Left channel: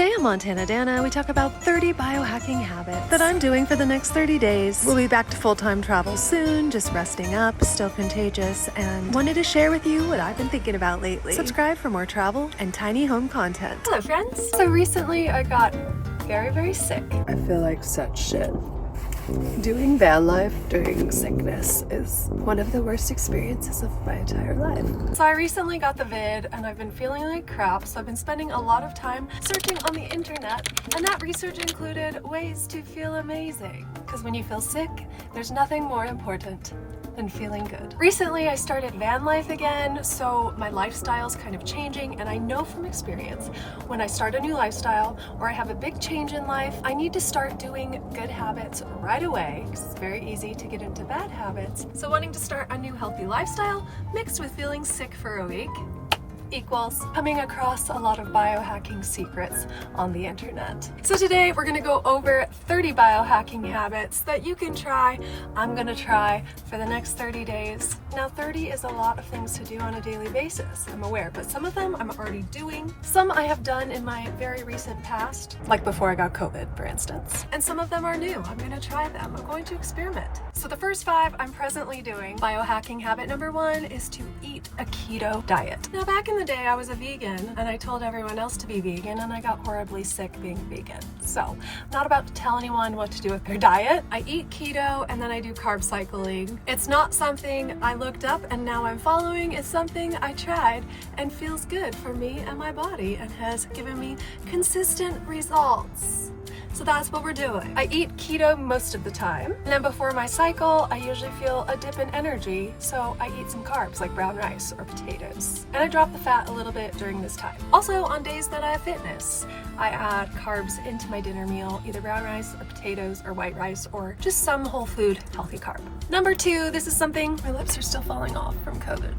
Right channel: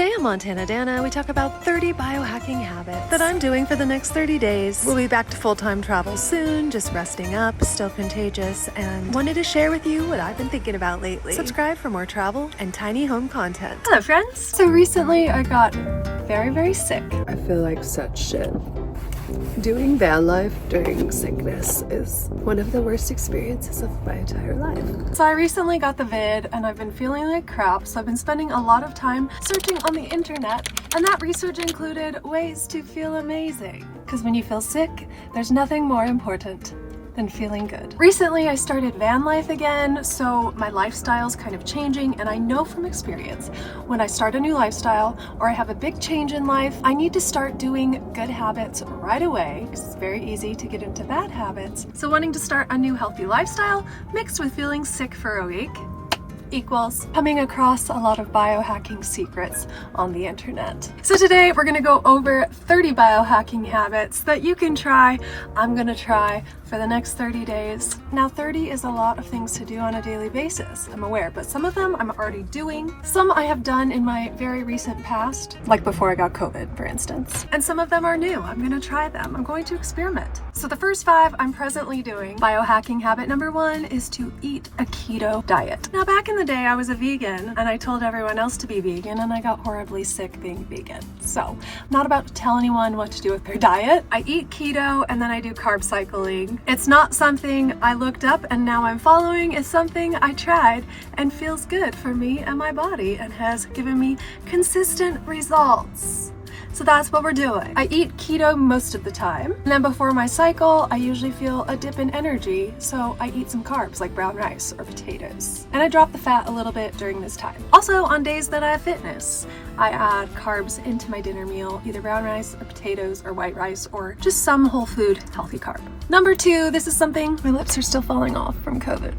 Today on MontanaDanna, we talk about 30 biohacking habits that I'm doing for the next 30 days. We'll be back to full-time travel soon, just resting up, still contagious, and wanted to share with you what I've been thinking about lately. Subscribe for more travel and tiny home content. Hello friends! So recently I got very sick. I feel like such shit. Doing van life during sickness is one of the worst experiences of my entire life. So I recently got the vid and I've been feeling like crap, so I've been spending a lot of time searching on the internet, and that research included ways to feel amazing. Because when you feel sick, there's nothing more important than feeling good. Recently I started van life again, so my lifestyle's kind of changing, and I know from experience when I start a new lifestyle or I have a big change in life, I need to start doing good habits right away because it's very easy to get into bad habits. So wanting to start a new healthy lifestyle mixed with feeling sick for a week equals coming across a lot of biohacking secrets on the internet. So today we're gonna go over 30 biohacking habits that you can try. I'm gonna try for the next 30 days. Now 30 is a lot of things to do on a daily basis, I'm aware, but some of them I'm already doing. Some I have done in my very recent past, like before I got COVID, for instance. And some of them are new. I'm gonna try them. I'm going to experiment. So the first 5 I'm presently doing. Biohacking habit number 1 is to eat a keto diet. Now back in the day I was a vegan and I told everyone else to be vegan, and I got horribly sick being vegan. So I'm not about to tell anyone what to do with their diet. I eat keto and then I do carb cycling. It's not something I looked up and now I'm following. It's something I tried and feels good for me and my body and has given me consistent results. So that's what we're doing. I eat keto most of the time. And then before my cycle, I usually feel a dip in energy. So I eat some carbs like brown rice or potatoes. And I drop the fat a little bit during this time. Also on days that I have fitness, I add carbs into my dinner meal, either brown rice or potatoes or white rice or just some whole food healthy carb. Number 2, this is something, my lips are still falling off from COVID.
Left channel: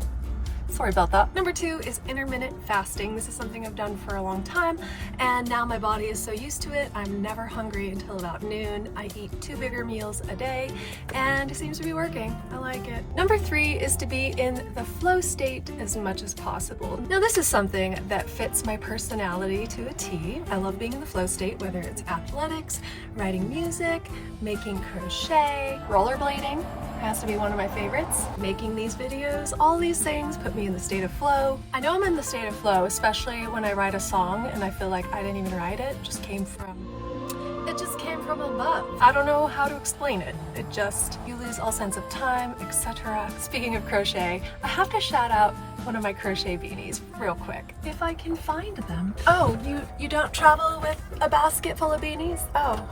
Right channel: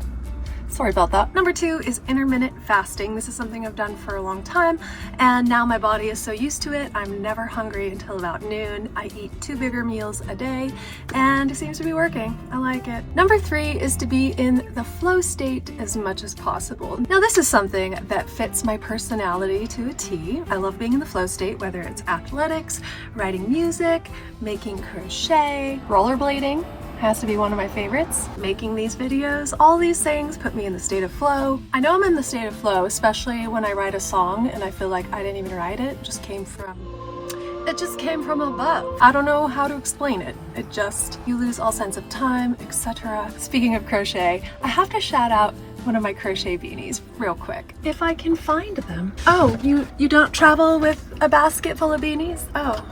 Sorry about that. Number 2 is intermittent fasting. This is something I've done for a long time, and now my body is so used to it, I'm never hungry until about noon. I eat 2 bigger meals a day, and it seems to be working. I like it. Number 3 is to be in the flow state as much as possible. Now this is something that fits my personality to a T. I love being in the flow state, whether it's athletics, writing music, making crochet, rollerblading. Has to be one of my favorites. Making these videos, all these things put me in the state of flow. I know I'm in the state of flow, especially when I write a song and I feel like I didn't even write it. It just came from above. I don't know how to explain it. You lose all sense of time, etc. Speaking of crochet, I have to shout out one of my crochet beanies real quick. If I can find them. Oh, you don't travel with a basket full of beanies? Oh.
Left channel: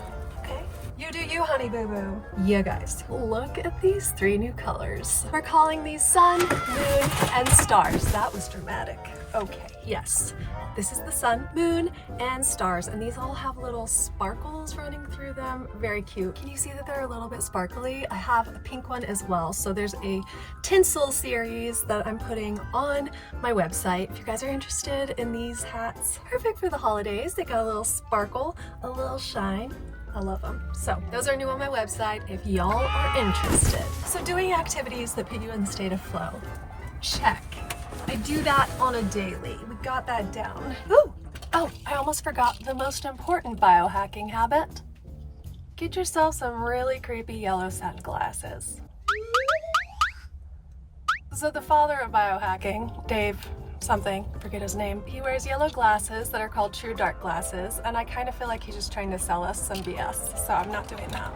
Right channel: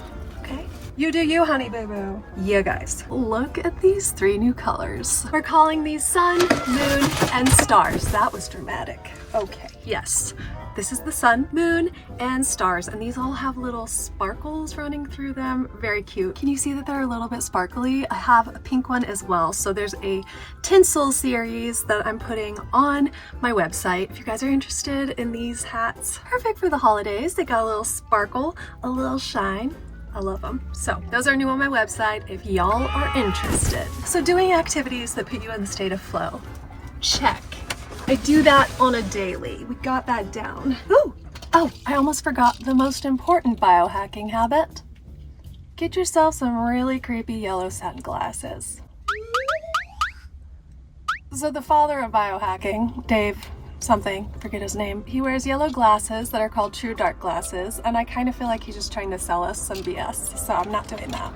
You do you, honey boo boo. Yeah, guys, look at these 3 new colors. We're calling these sun, moon, and stars. That was dramatic. Okay, yes. This is the sun, moon, and stars, and these all have little sparkles running through them. Very cute. Can you see that they're a little bit sparkly? I have a pink one as well, so there's a tinsel series that I'm putting on my website. If you guys are interested in these hats, perfect for the holidays. They got a little sparkle, a little shine. I love them. So those are new on my website if y'all are interested. So doing activities that put you in the state of flow. Check. I do that on a daily. We got that down. Ooh. Oh, I almost forgot the most important biohacking habit. Get yourself some really creepy yellow sunglasses. So the father of biohacking, Dave something, forget his name, he wears yellow glasses that are called true dark glasses, and I kind of feel like he's just trying to sell us some BS, so I'm not doing that.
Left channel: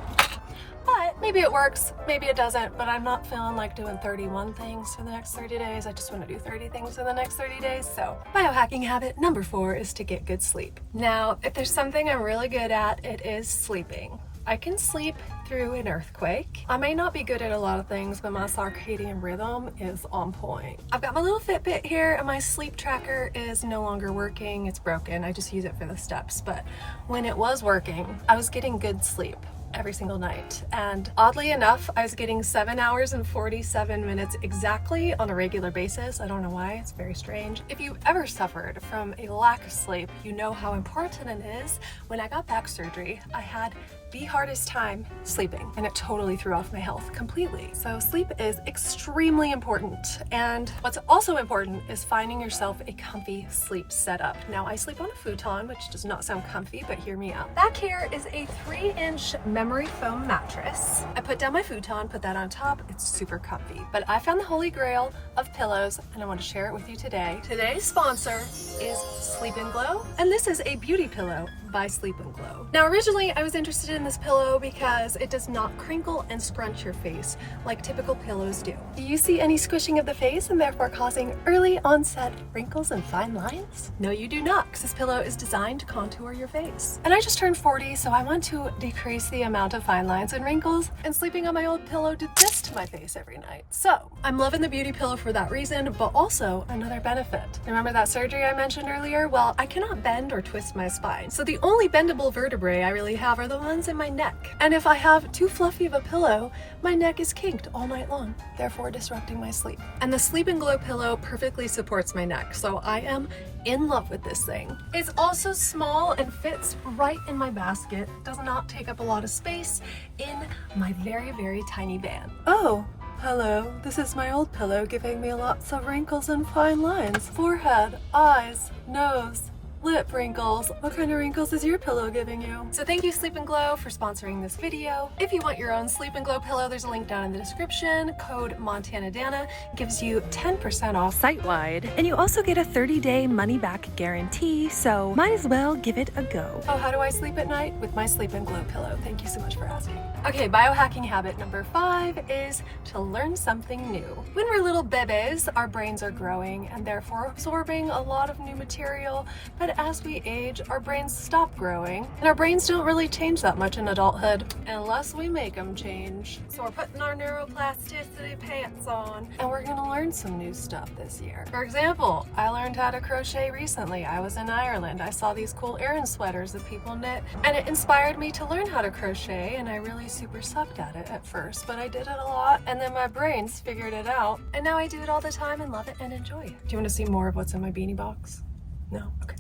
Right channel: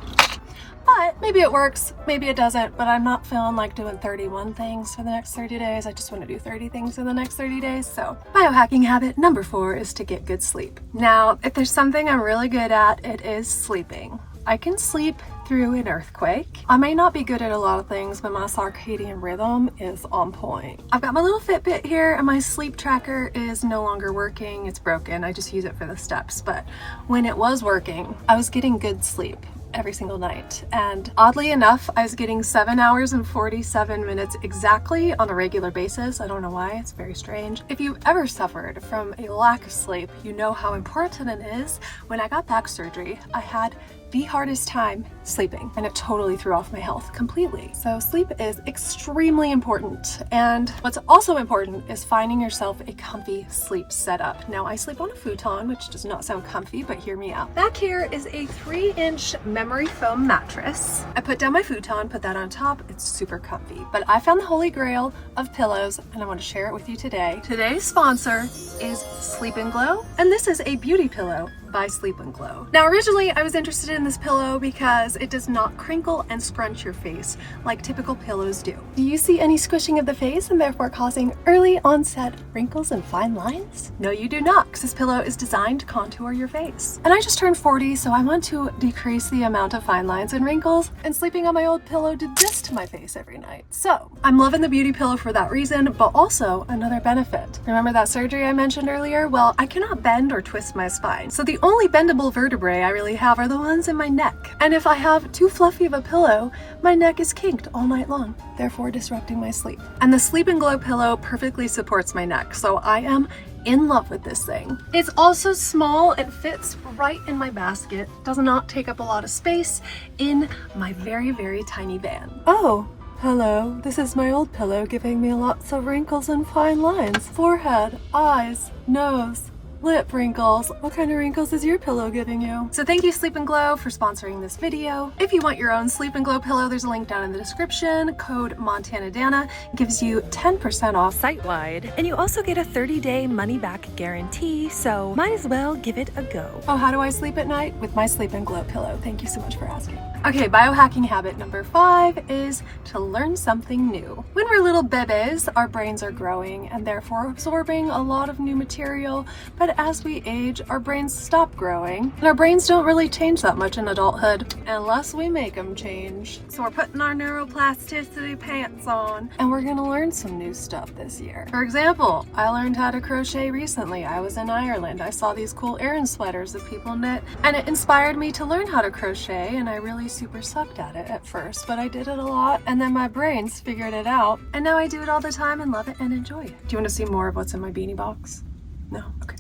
But maybe it works, maybe it doesn't, but I'm not feeling like doing 31 things for the next 30 days. I just want to do 30 things for the next 30 days. So biohacking habit number 4 is to get good sleep. Now, if there's something I'm really good at, it is sleeping. I can sleep through an earthquake. I may not be good at a lot of things, but my circadian rhythm is on point. I've got my little Fitbit here and my sleep tracker is no longer working. It's broken. I just use it for the steps. But when it was working, I was getting good sleep every single night. And oddly enough, I was getting 7 hours and 47 minutes exactly on a regular basis. I don't know why, it's very strange. If you ever suffered from a lack of sleep, you know how important it is. When I got back surgery, I had the hardest time sleeping, and it totally threw off my health completely. So sleep is extremely important, and what's also important is finding yourself a comfy sleep setup. Now, I sleep on a futon, which does not sound comfy, but hear me out. Back here is a 3-inch memory foam mattress. I put down my futon, put that on top. It's super comfy, but I found the holy grail of pillows, and I want to share it with you today. Today's sponsor is Sleep and Glow, and this is a beauty pillow by Sleep and Glow. Now, originally I was interested in this pillow because it does not crinkle and scrunch your face like typical pillows do. Do you see any squishing of the face and therefore causing early onset wrinkles and fine lines? No, you do not, because this pillow is designed to contour your face. And I just turned 40, so I want to decrease the amount of fine lines and wrinkles, and sleeping on my old pillow did this to my face every night. So I'm loving the beauty pillow for that reason, but also another benefit. Remember that surgery I mentioned earlier? Well, I cannot bend or twist my spine. So the only bendable vertebrae I really have are the ones in my neck. And if I have too fluffy of a pillow, my neck is kinked all night long, therefore disrupting my sleep. And the Sleep and Glow pillow perfectly supports my neck, so I am in love with this thing. It's also small and fits right in my basket. Does not take up a lot of space in my very, very tiny van. Oh, hello. This is my old pillow giving me lots of wrinkles and fine lines. Forehead, eyes, nose, lip wrinkles. What kind of wrinkles is your pillow giving you? So thank you, Sleep and Glow, for sponsoring this video. If you want your own Sleep and Glow pillow, there's a link down in the description. Code MontanaDanna gives you 10% off site-wide, and you also get a 30-day money-back guarantee, so might as well give it a go. Oh, how do I sleep at night? With my Sleep and Glow pillow. Thank you so much for asking. Okay, biohacking habit number 5 is to learn something new. When we're little bebés, our brains are growing and therefore absorbing a lot of new material, but as we age, our brains stop growing, and our brains don't really change that much in adulthood unless we make them change. So we're putting our neuroplasticity pants on, and we're gonna learn some new stuff this year. For example, I learned how to crochet recently. I was in Ireland. I saw these cool Aran sweaters that people knit, and it inspired me to learn how to crochet, and I really super sucked at it at first, but I did it a lot, and then my brains figured it out, and now I do it all the time and love it and enjoy it. Do you want to see more of what's in my beanie box? No? Okay.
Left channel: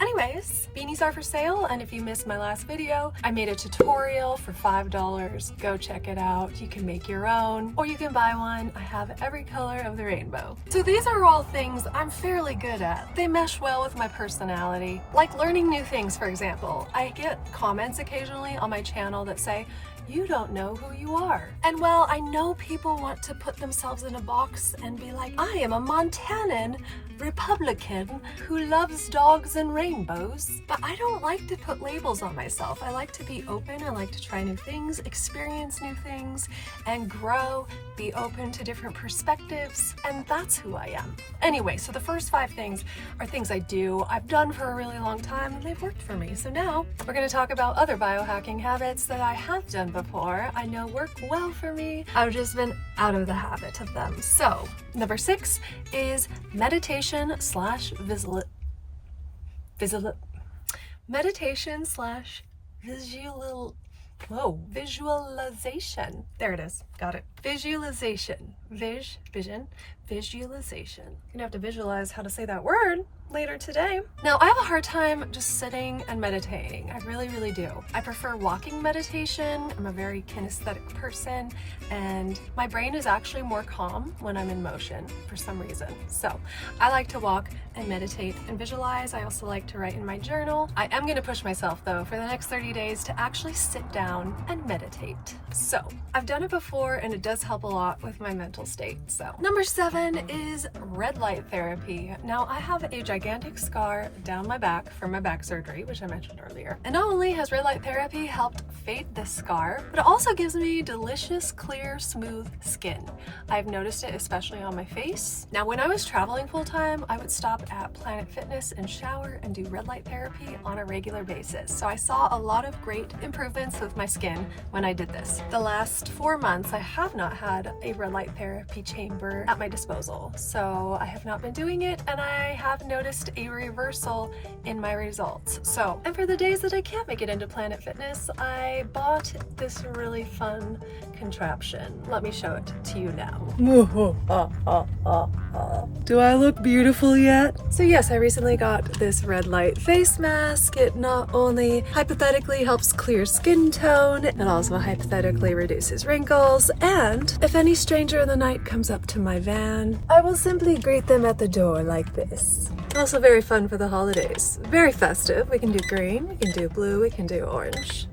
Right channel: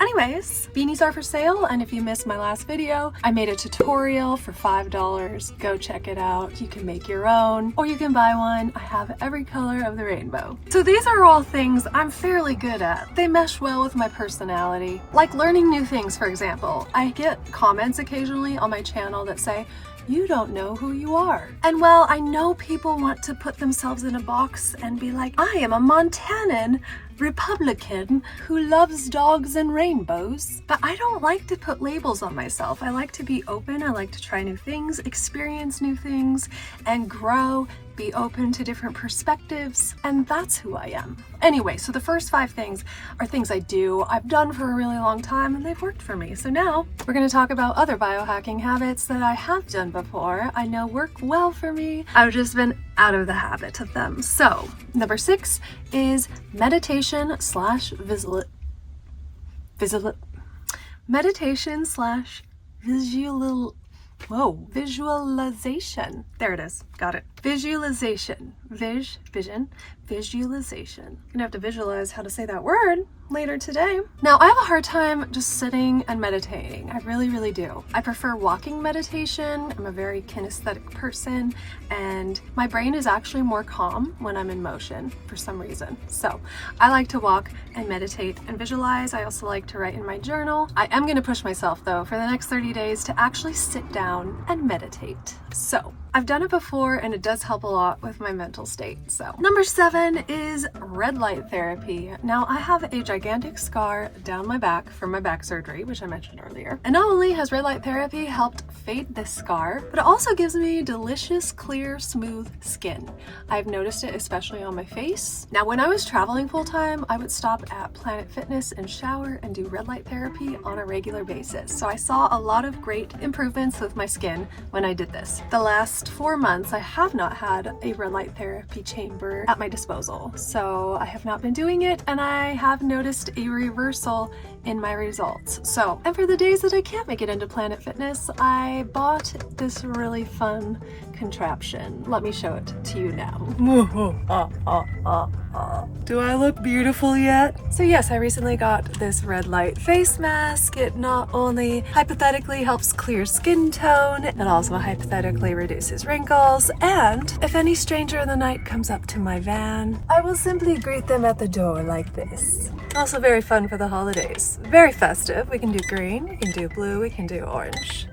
Anyways, beanies are for sale, and if you missed my last video, I made a tutorial for $5. Go check it out. You can make your own, or you can buy one. I have every color of the rainbow. So these are all things I'm fairly good at. They mesh well with my personality. Like learning new things, for example. I get comments occasionally on my channel that say, "You don't know who you are." And well, I know people want to put themselves in a box and be like, I am a Montanan Republican who loves dogs and rainbows. But I don't like to put labels on myself. I like to be open. I like to try new things, experience new things, and grow, be open to different perspectives, and that's who I am. Anyway, so the first 5 things are things I do, I've done for a really long time, and they've worked for me. So now we're going to talk about other biohacking habits that I have done before. I know work well for me. I've just been out of the habit of them. So number 6 is meditation slash visualization. There it is. Got it. Visualization. Visualization. I'm gonna have to visualize how to say that word later today. Now, I have a hard time just sitting and meditating. I really, really do. I prefer walking meditation. I'm a very kinesthetic person, and my brain is actually more calm when I'm in motion for some reason. So I like to walk and meditate and visualize. I also like to write in my journal. I am gonna push myself though for the next 30 days to actually sit down and meditate. So I've done it before, and it does help a lot with my mental state. So number 7 is red light therapy. Now, I have a gigantic scar down my back from my back surgery, which I mentioned earlier. And not only has red light therapy helped fade this scar, but it also gives me delicious, clear, smooth skin. I've noticed it especially on my face. Now, when I was traveling full time, I would stop at Planet Fitness and shower and do red light therapy on a regular basis. So I saw a lot of great improvements with my skin when I did this. The last 4 months, I have not had a red light therapy chamber at my disposal, so I have not been doing it, and I have noticed a reversal in my results. So, and for the days that I can't make it into Planet Fitness, I bought this really fun contraption. Let me show it to you now. Do I look beautiful yet? So yes, I recently got this red light face mask. It not only hypothetically helps clear skin tone, it also hypothetically reduces wrinkles, and if any stranger in the night comes up to my van, I will simply greet them at the door like this. Also very fun for the holidays. Very festive. We can do green, we can do blue, we can do orange.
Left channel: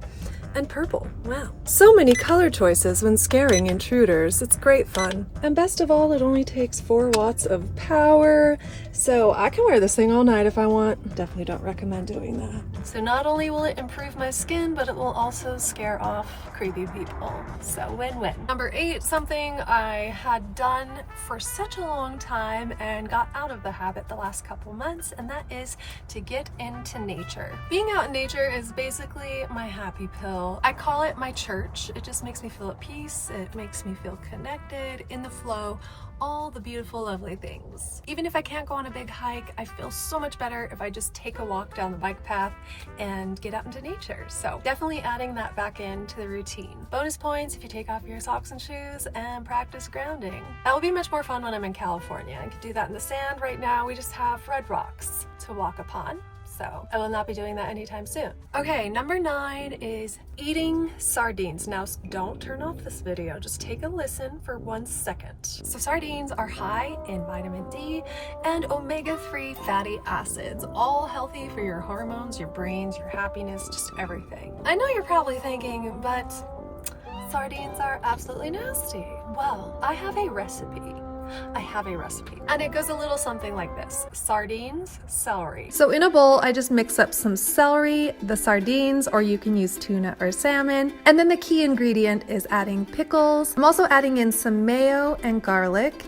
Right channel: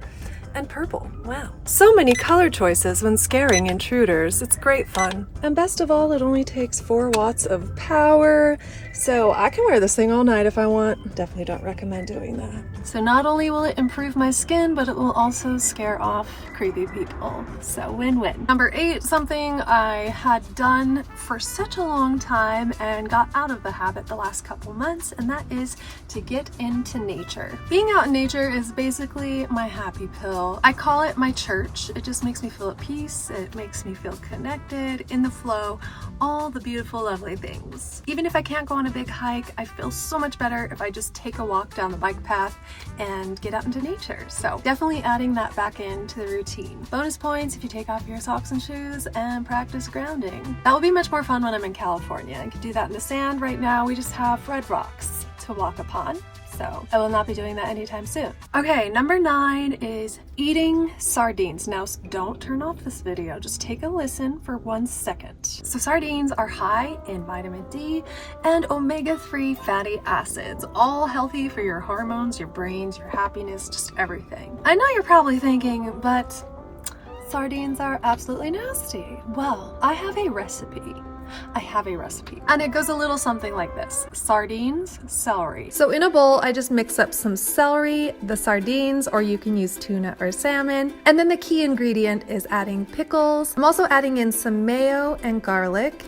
And purple. Wow. So many color choices when scaring intruders. It's great fun. And best of all, it only takes 4 watts of power, so I can wear this thing all night if I want. Definitely don't recommend doing that. So not only will it improve my skin, but it will also scare off creepy people. So win-win. Number 8, something I had done for such a long time and got out of the habit the last couple months, and that is to get into nature. Being out in nature is basically my happy pill. I call it my church. It just makes me feel at peace. It makes me feel connected, in the flow, all the beautiful, lovely things. Even if I can't go on a big hike, I feel so much better if I just take a walk down the bike path and get out into nature. So definitely adding that back into the routine. Bonus points if you take off your socks and shoes and practice grounding. That will be much more fun when I'm in California. I can do that in the sand. Right now we just have red rocks to walk upon. So I will not be doing that anytime soon. Okay, number 9 is eating sardines. Now don't turn off this video, just take a listen for 1 second. So sardines are high in vitamin D and omega-3 fatty acids, all healthy for your hormones, your brains, your happiness, just everything. I know you're probably thinking, but sardines are absolutely nasty. Well, I have a recipe. And it goes a little something like this: sardines, celery. So in a bowl, I just mix up some celery, the sardines, or you can use tuna or salmon. And then the key ingredient is adding pickles. I'm also adding in some mayo and garlic.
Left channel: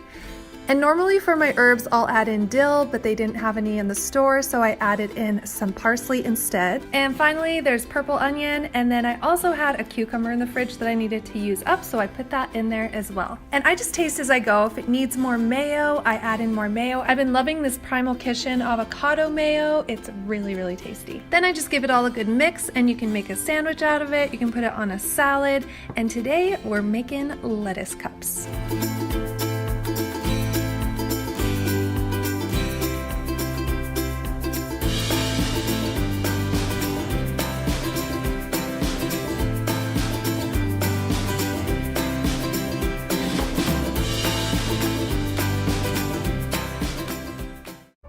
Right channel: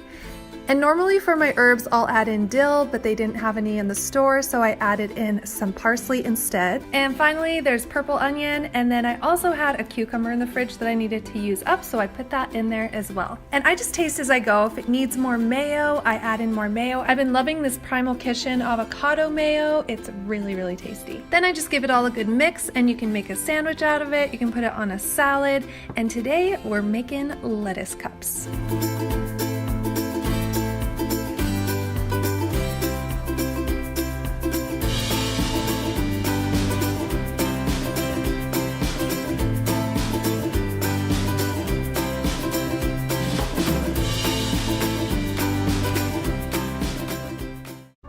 And normally for my herbs, I'll add in dill, but they didn't have any in the store, so I added in some parsley instead. And finally, there's purple onion, and then I also had a cucumber in the fridge that I needed to use up, so I put that in there as well. And I just taste as I go. If it needs more mayo, I add in more mayo. I've been loving this Primal Kitchen avocado mayo. It's really, really tasty. Then I just give it all a good mix, and you can make a sandwich out of it. You can put it on a salad, and today we're making lettuce cups.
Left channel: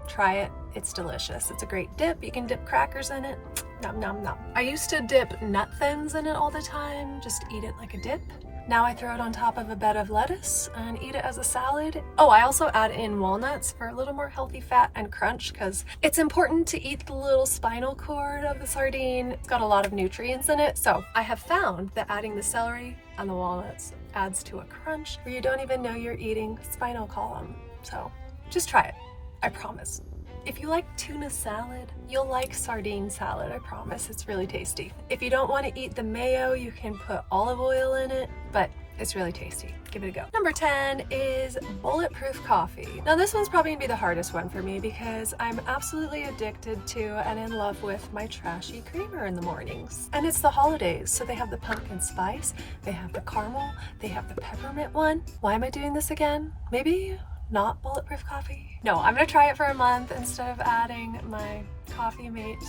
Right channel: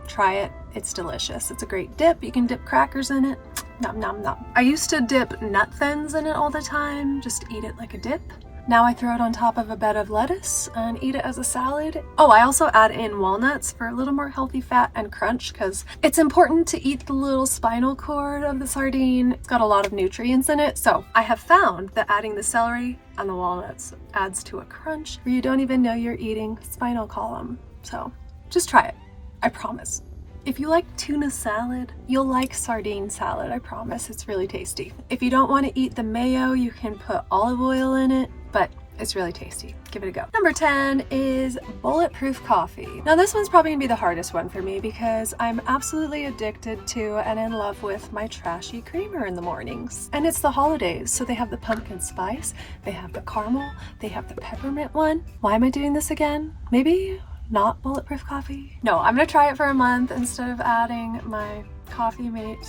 Try it, it's delicious. It's a great dip. You can dip crackers in it. Nom nom nom. I used to dip nut thins in it all the time, just eat it like a dip. Now I throw it on top of a bed of lettuce and eat it as a salad. Oh, I also add in walnuts for a little more healthy fat and crunch, because it's important to eat the little spinal cord of the sardine. It's got a lot of nutrients in it. So I have found that adding the celery and the walnuts adds to a crunch where you don't even know you're eating spinal column. So just try it, I promise. If you like tuna salad, you'll like sardine salad, I promise. It's really tasty. If you don't want to eat the mayo, you can put olive oil in it, but it's really tasty. Give it a go. Number 10 is bulletproof coffee. Now this one's probably gonna be the hardest one for me because I'm absolutely addicted to and in love with my trashy creamer in the mornings. And it's the holidays, so they have the pumpkin spice, they have the caramel, they have the peppermint one. Why am I doing this again? Maybe not bulletproof coffee? No, I'm gonna try it for a month. Instead of adding my Coffee Mate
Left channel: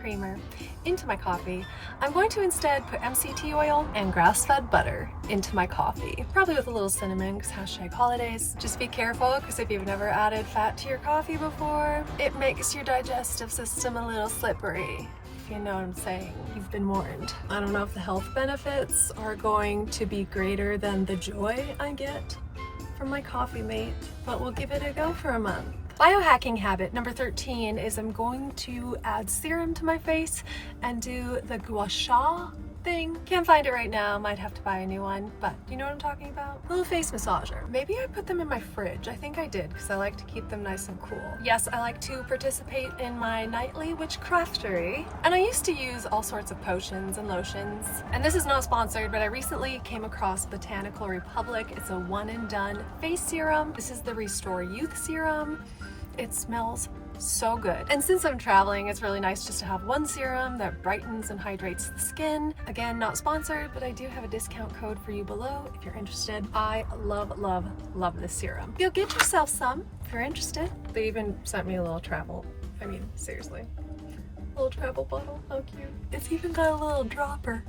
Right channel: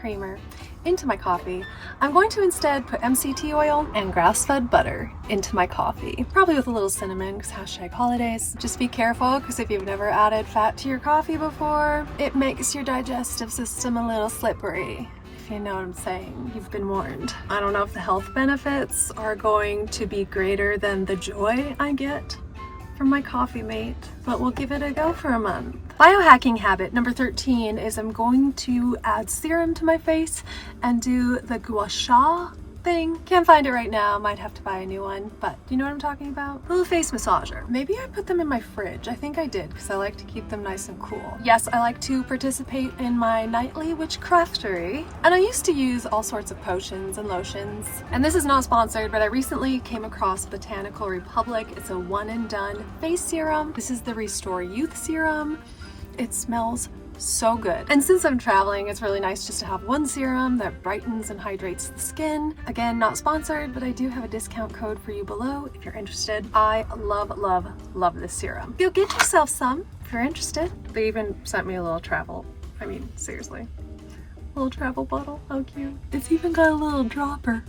creamer into my coffee, I'm going to instead put MCT oil and grass-fed butter into my coffee, probably with a little cinnamon because #holidays. Just be careful, because if you've never added fat to your coffee before, it makes your digestive system a little slippery. If you know what I'm saying, you've been warned. I don't know if the health benefits are going to be greater than the joy I get from my Coffee Mate, but we'll give it a go for a month. Biohacking habit number 13 is I'm going to add serum to my face and do the gua sha thing. Can't find it right now, might have to buy a new one, but you know what I'm talking about? Little face massager. Maybe I put them in my fridge. I think I did, because I like to keep them nice and cool. Yes, I like to participate in my nightly witchcraftery, and I used to use all sorts of potions and lotions. And this is not sponsored, but I recently came across Botanical Republic. It's a one and done face serum. This is the Restore Youth Serum. It smells so good. And since I'm traveling, it's really nice just to have one serum that brightens and hydrates the skin. Again, not sponsored, but I do have a discount code for you below if you're interested. I love, love, love this serum. You'll get yourself some if you're interested. They even sent me a little travel. I mean, seriously. Little travel bottle, how cute. It's even got a little dropper.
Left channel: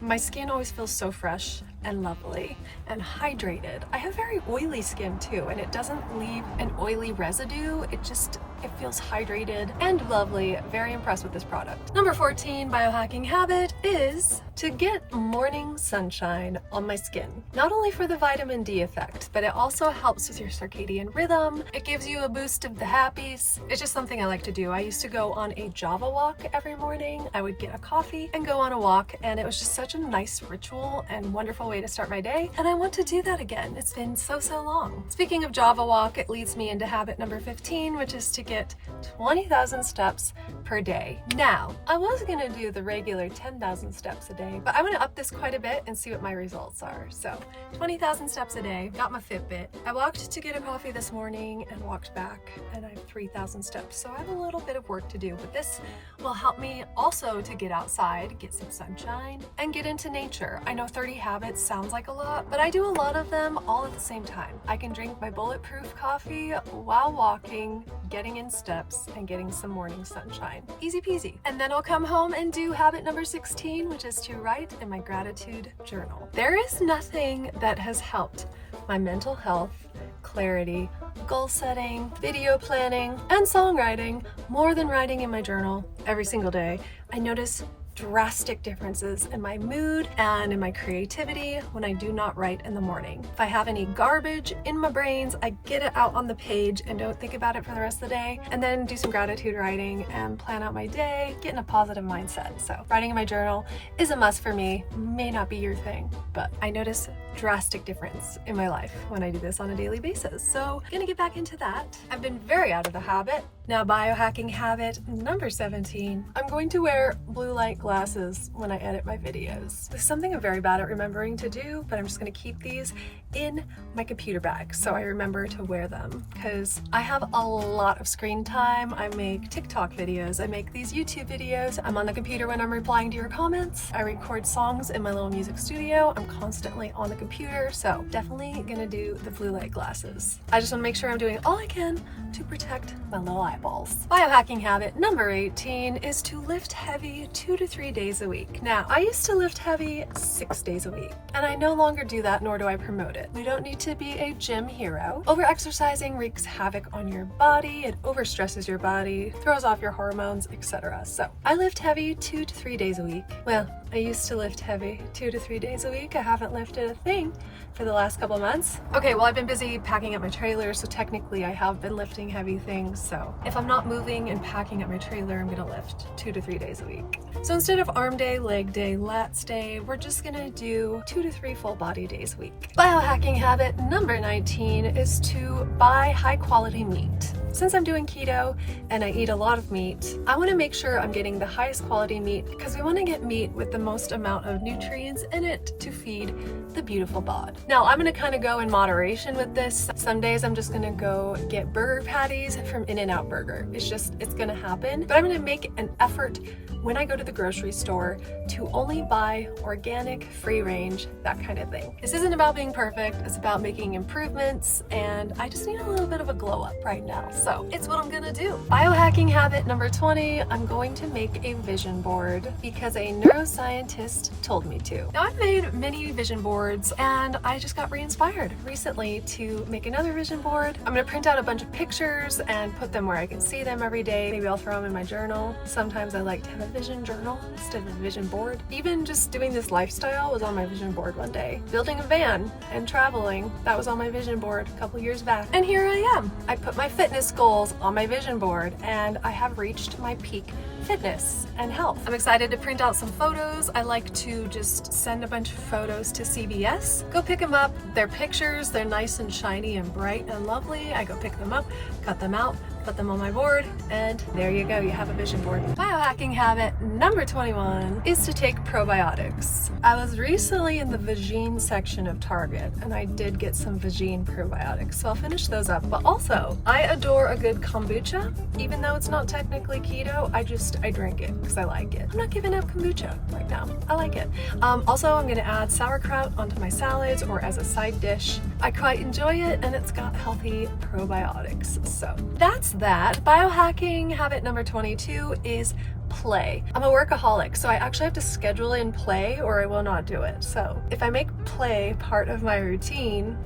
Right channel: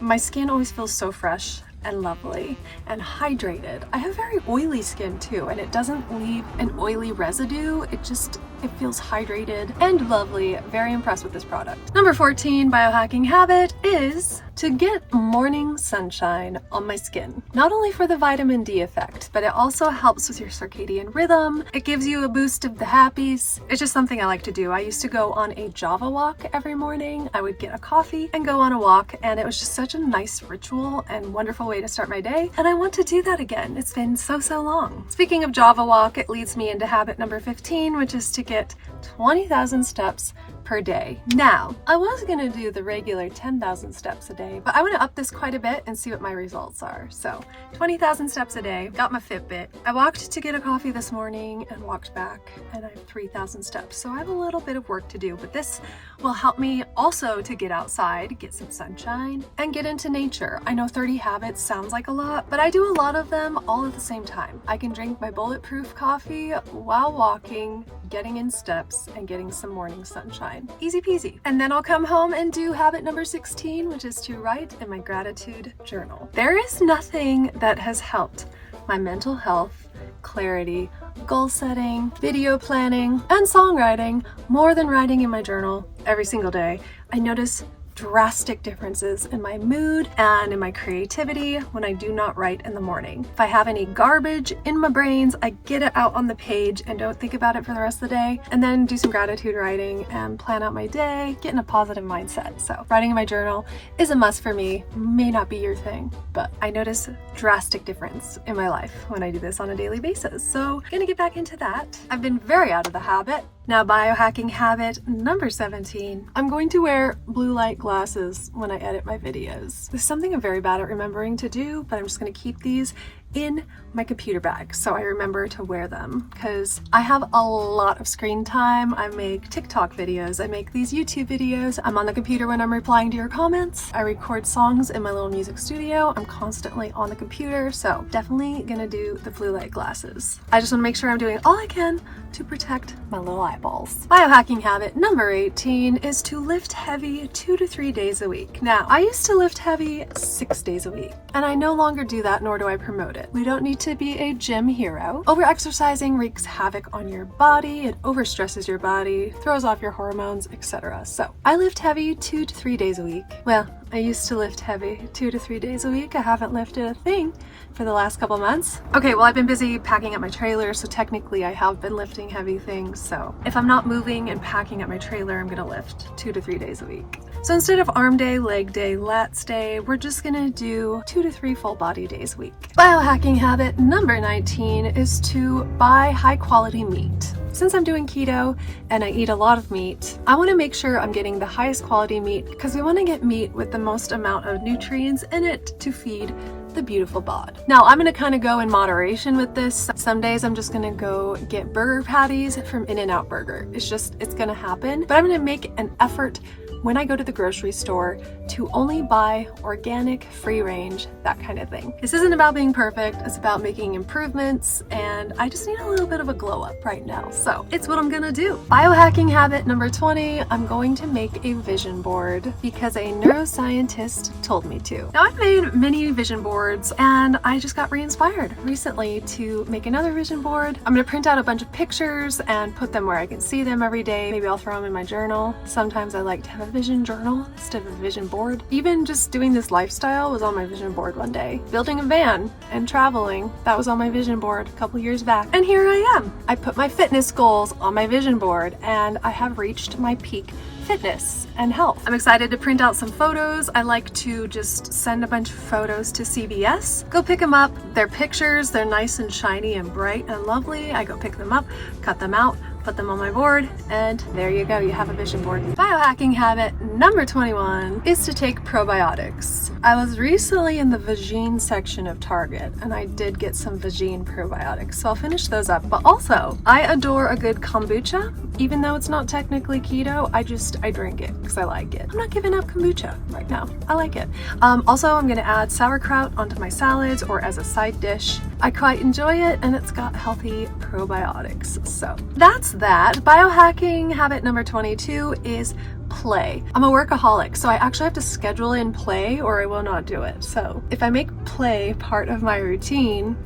My skin always feels so fresh and lovely and hydrated. I have very oily skin too, and it doesn't leave an oily residue. It feels hydrated and lovely. Very impressed with this product. Number 14 biohacking habit is to get morning sunshine on my skin. Not only for the vitamin D effect, but it also helps with your circadian rhythm. It gives you a boost of the happies. It's just something I like to do. I used to go on a Java walk every morning. I would get a coffee and go on a walk, and it was just such a nice ritual and wonderful way to start my day. And I want to do that again. It's been so long. Speaking of Java walk, it leads me into habit number 15, which is to get 20,000 steps per day. Now, I was gonna do the regular 10,000 steps a day, but I want to up this quite a bit and see what my results are. So 20,000 steps a day, got my Fitbit. I walked to get a coffee this morning and walked back, and I have 3,000 steps. So I have a little bit of work to do, but this will help me also to get outside, get some sunshine, and get into nature. I know 30 habits sounds like a lot, but I do a lot of them all at the same time. I can drink my bulletproof coffee while walking, getting in steps, and getting some morning sunshine. Easy peasy. And then I'll come home and do habit number 16, which is to write in my gratitude journal. There is nothing that has helped my mental health, clarity, goal setting, video planning, and songwriting more than writing in my journal every single day. I notice drastic differences in my mood and in my creativity when I do not write in the morning. If I have any garbage in my brains, I get it out on the page and don't think about it for the rest of the day, and then do some gratitude writing and plan out my day, get in a positive mindset. So writing in my journal is a must for me. May not be your thing, but I notice drastic difference in my life when I do this on a daily basis. So I'm gonna get back into that. I've been very out of the habit. Now, biohacking habit number 17. I'm going to wear blue light glasses when I edit my videos. This is something I'm very bad at remembering to do, but I'm just gonna keep these in my computer bag so I remember to wear them, because I have a lot of screen time. I make TikTok videos, I make these YouTube videos, I'm on the computer when I'm replying to your comments, I record songs in my little music studio, I'm constantly on the computer, so definitely gonna do the blue light glasses. I just want to make sure I'm doing all I can to protect my little eyeballs. Biohacking habit number 18 is to lift heavy 2 to 3 days a week. Now, I used to lift heavy 6 days a week, and I no longer do that, nor do I promote it. We don't need to be a gym hero. Over-exercising wreaks havoc on your body, it overstresses your body, throws off your hormones, etc. So I lift heavy 2 to 3 days a week. Well, I used to lift heavy 2 to 3 days a week. I haven't lifted a thing for the last couple months. Okay, well, I've been busy packing up my trailer, so technically I have been lifting heavy things. So if I'm not moving and packing up my trailer, I'm gonna lift 2 to 3 days a week. So instead of arm day, leg day, lats day, we're just gonna do 2 to 3 full body days a week. Biohacking habit number 19 is to buy high quality meat. Since I'm doing keto and I eat a lot of meat, I want to make sure I'm getting the highest quality meat, because we want to get meat with the most amount of nutrients in it to feed the beautiful bod. Now, I'm going to kind of go in moderation with this. Some days I'm just going to go get burger patties from In-N-Out Burger. It's going to happen, but I'm going to make an effort when I go to the grocery store to only buy organic, free range, that kind of thing. This isn't about being perfect, it's about making improvements, and I just need a little bit of a glow up right now. So it's what I'm gonna do. Biohacking habit number 20, I'm going to make a vision board because a neuroscientist told me to. Now, I've made many vision boards and I just got re-inspired recently to make another vision board. I'm gonna print out a bunch of pictures and put them where I can see them every day. Maybe I'll throw them in my journal. Sometimes I like to have a vision journal instead of a vision board. Even just doing this lifestyle was on my vision board one day. Building a van and traveling, that was on my vision board a couple years back. And here I am. I put my fitness goals on my vision board and I have reached my peak fitness and health. I'm excited to print out some photos. I like to just send a bunch of photos to CVS, go pick them up. They're pictures, they're nice and shiny and bright and lovely. I go pick them up, cut them out, put them on my board, and there you go, you have a vision board. Biohacking habit number 21 is to take probiotics. I was recently in the vagine section of Target and I did get some vagine probiotics, so I'll finish those up. But also, I adore a good kombucha. Even though it's not technically keto, I drink it because I like it. I'm not giving up kombucha right now. I like it. Also, I'm gonna add sauerkraut onto my salads or as a side dish. I quite enjoy it and it's got healthy probiotics. So that's that. Biohacking habit number 22 is play. I'm a workaholic, so I actually have to schedule in play or I will not do it. So if I make play part of my routine,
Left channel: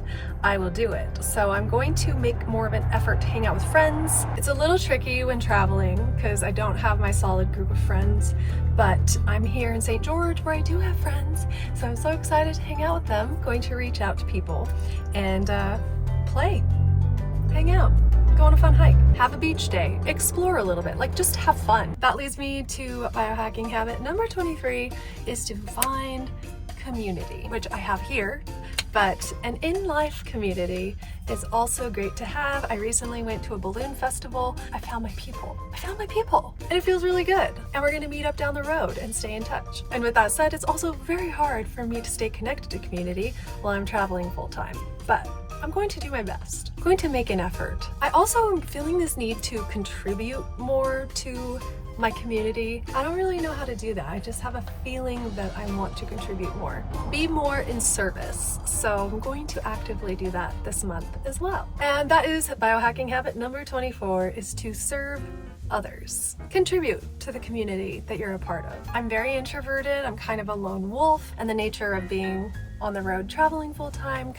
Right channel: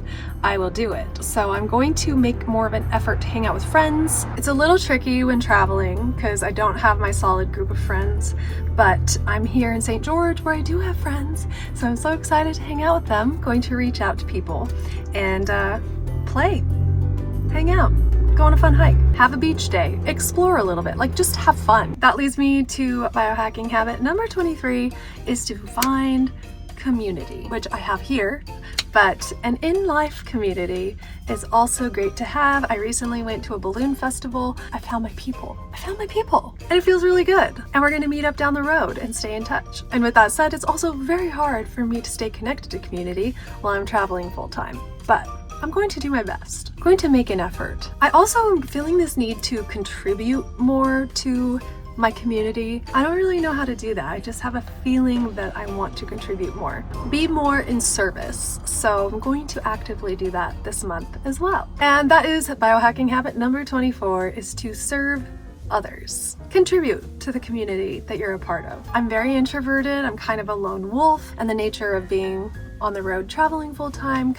I will do it. So I'm going to make more of an effort to hang out with friends. It's a little tricky when traveling because I don't have my solid group of friends, but I'm here in St. George where I do have friends. So I'm so excited to hang out with them. Going to reach out to people and play, hang out, go on a fun hike, have a beach day, explore a little bit, like just have fun. That leads me to biohacking habit number 23 is to find community, which I have here, but an in-life community is also great to have. I recently went to a balloon festival. I found my people. And it feels really good. And we're gonna meet up down the road and stay in touch. And with that said, it's also very hard for me to stay connected to community while I'm traveling full time, but I'm going to do my best. I'm going to make an effort. I also am feeling this need to contribute more to my community. I don't really know how to do that. I just have a feeling that I want to contribute more. Be more in service. So I'm going to actively do that this month as well. And that is biohacking habit number 24 is to serve others. Contribute to the community that you're a part of. I'm very introverted. I'm kind of a lone wolf, and the nature of being on the road traveling full time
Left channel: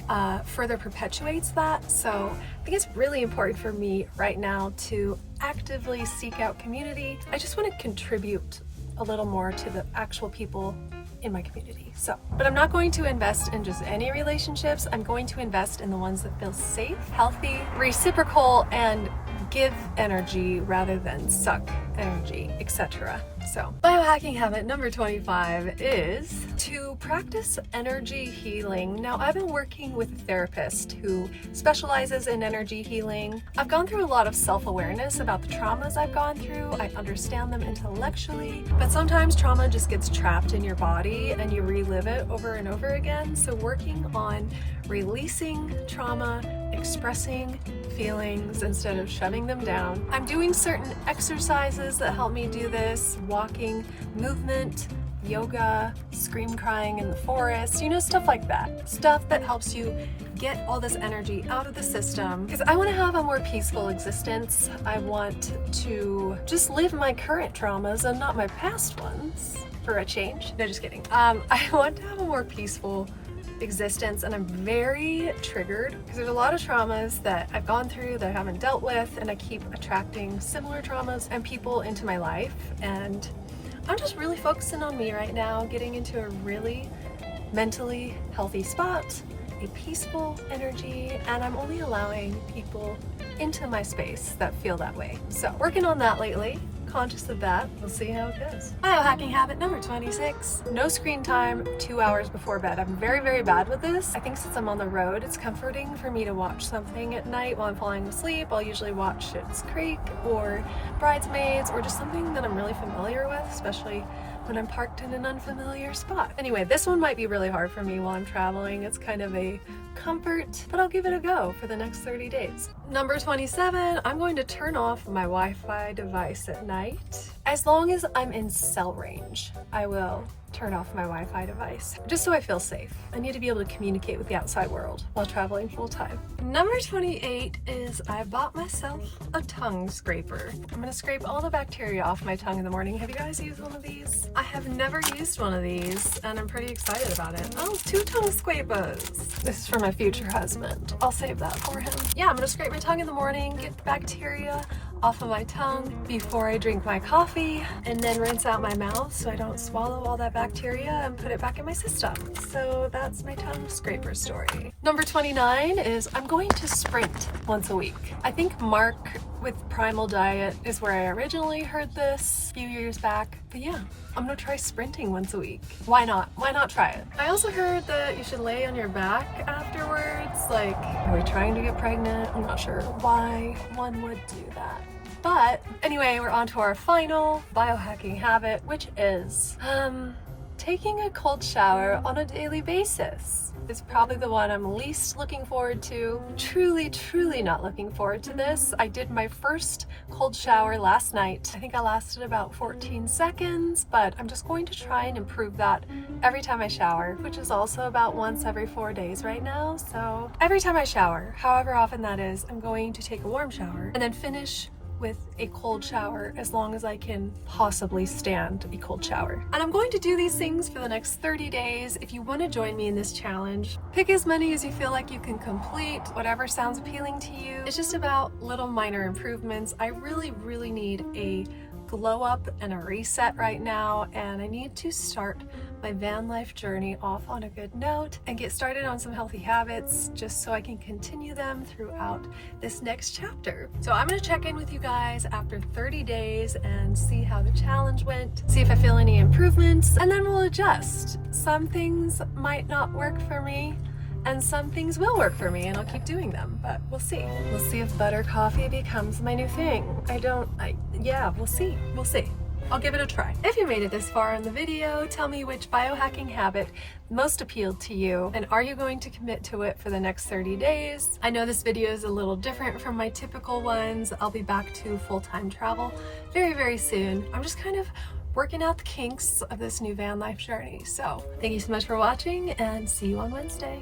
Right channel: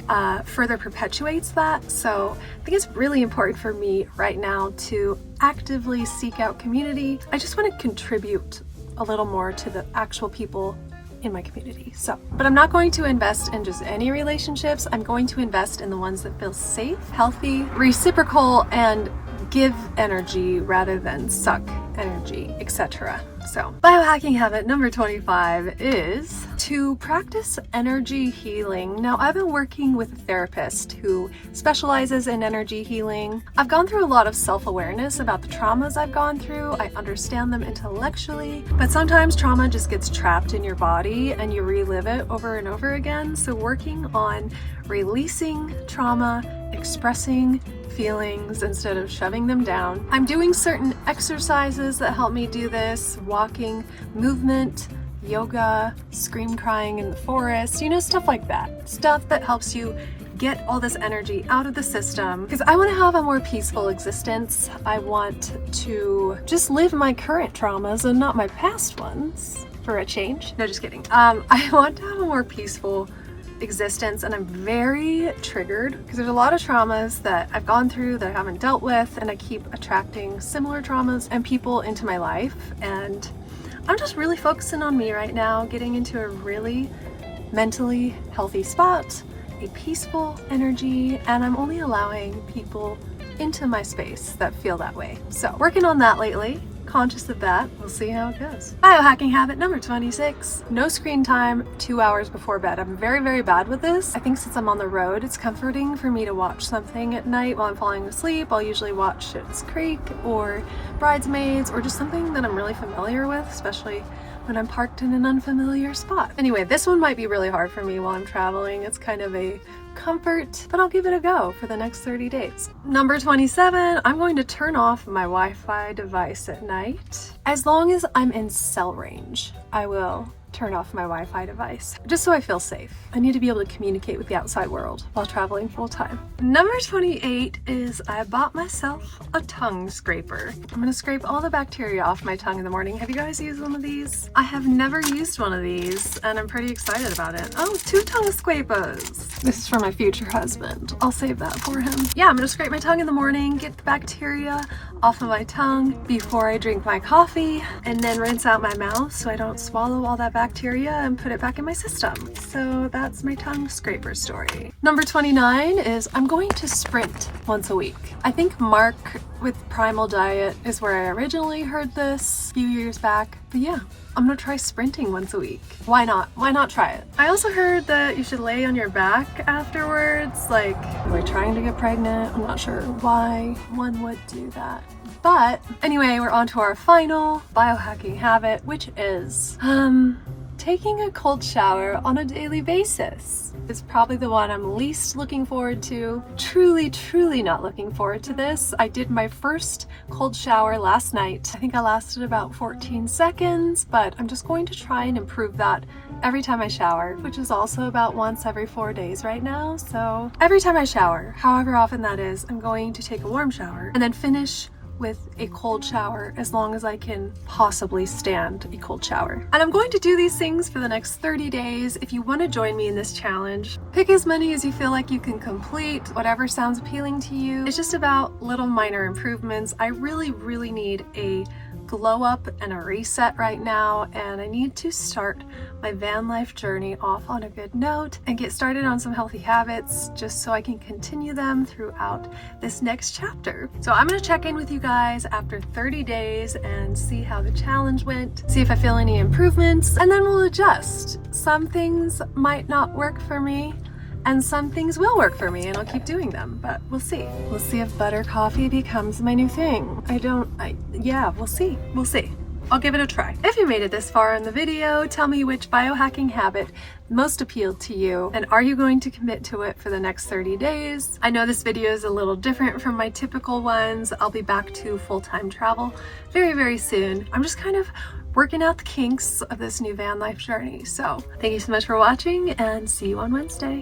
further perpetuates that. So I think it's really important for me right now to actively seek out community. I just want to contribute a little more to the actual people in my community. But I'm not going to invest in just any relationships. I'm going to invest in the ones that feel safe, healthy, reciprocal, and give energy rather than suck energy, etc. So biohacking habit number 25 is to practice energy healing. Now, I've been working with a therapist who specializes in energy healing. I've gone through a lot of self-awareness about the traumas I've gone through. I understand them intellectually, but sometimes trauma just gets trapped in your body and you relive it over and over again. So working on releasing trauma, expressing feelings instead of shoving them down. I'm doing certain exercises that help me do this, walking, movement, yoga, scream crying in the forest, stuff like that. Stuff that helps you get all this energy out of the system because I want to have a more peaceful existence. I want to just live my current traumas and not my past ones for a change. No, just kidding. I want to have a more peaceful existence, and I'm very triggered because there's a lot of traumas that I've gone through that I haven't dealt with, and I keep attracting similar traumas and people into my life, and I'm just really focusing on me right now, getting into a really mentally healthy spot, a peaceful energy, and I'm only allowing people into my space that feel that way. So working on that lately. Conscious of that. We'll see how it goes. Biohacking habit number 26. No screen time 2 hours before bed. I'm very, very bad with this. I think since I'm on the road, it's comforting for me to watch something at night while I'm falling asleep. I'll usually watch Schitt's Creek or Bridesmaids or just something that I'm really familiar with, especially when I'm parked in an unfamiliar spot. Anyway, this one might be really hard for me while I'm traveling. It's kind of a comfort, but I'll give it a go for the next 30 days. Number 27, I'm going to turn off my Wi-Fi device at night. As long as I'm in cell range, I will turn off my Wi-Fi device, just so I feel safe. I need to be able to communicate with the outside world while traveling full time. Number 28 is I bought myself a tongue scraper. I'm gonna scrape all the bacteria off my tongue in the morning. Have you guys used one of these? I have never used one of these, and I'm pretty excited about it. Oh, 2 tongue scrapers. This is for my future husband. I'll save that for him. Yeah, I'm gonna scrape my tongue in the morning, get the bacteria off of my tongue before I drink my coffee, and then rinse out my mouth so I don't swallow all that bacteria and put it back in my system. So that's my tongue scraper story. Number 29 is I'm going to sprint once a week. I think Mark with Primal Diet is where I originally heard this a few years back. But yeah, I'm gonna try sprinting once a week. Why not? Why not try it? I also heard that you should lay on your back afterwards. Like, are we trying to get pregnant? I'm not sure why one would do that. But anyway, we're on to our final biohacking habit, which is taking a cold shower on a daily basis. It's probably the one I'm least looking forward to. Truly not looking forward to this. I did my first cold shower last night. I think I lasted about 14 seconds, but I'm just going to try and improve that every time I shower, which is also about once every 4 days right now. So every time I shower, however often that is, I'm going to take a warm shower and then finish with a cold shower as long as I can possibly stand a cold shower. And I'm going to do these things for the next 30 days. If you want to join me in this challenge, pick as many as you feel like you can complete, whatever sounds appealing to you. It's just about little minor improvements. I really need a glow up and a reset right now, and I need to start my van life journey off on a good note and get started on some healthy habits just so I can continue them throughout this next chapter. So I'm going to check in with you guys after 30 days and see how the challenge went, see if I feel any improvements, and then we'll adjust. Some things might not work for me, and some things will work for me, and I'll keep doing them, but we'll see. We'll see if butter coffee becomes my new thing. Yeah, we'll see. We'll see. I'll give it a try. If you made it this far in the video, tell me which biohacking habit most appealed to you, and are you going to commit to it for the next 30 days? I know this video is a little different from my typical ones. I'll be back to full-time travel very soon. I'm just kind of working out the kinks of this new van life journey. So thank you so much for watching, and see you on Wednesday.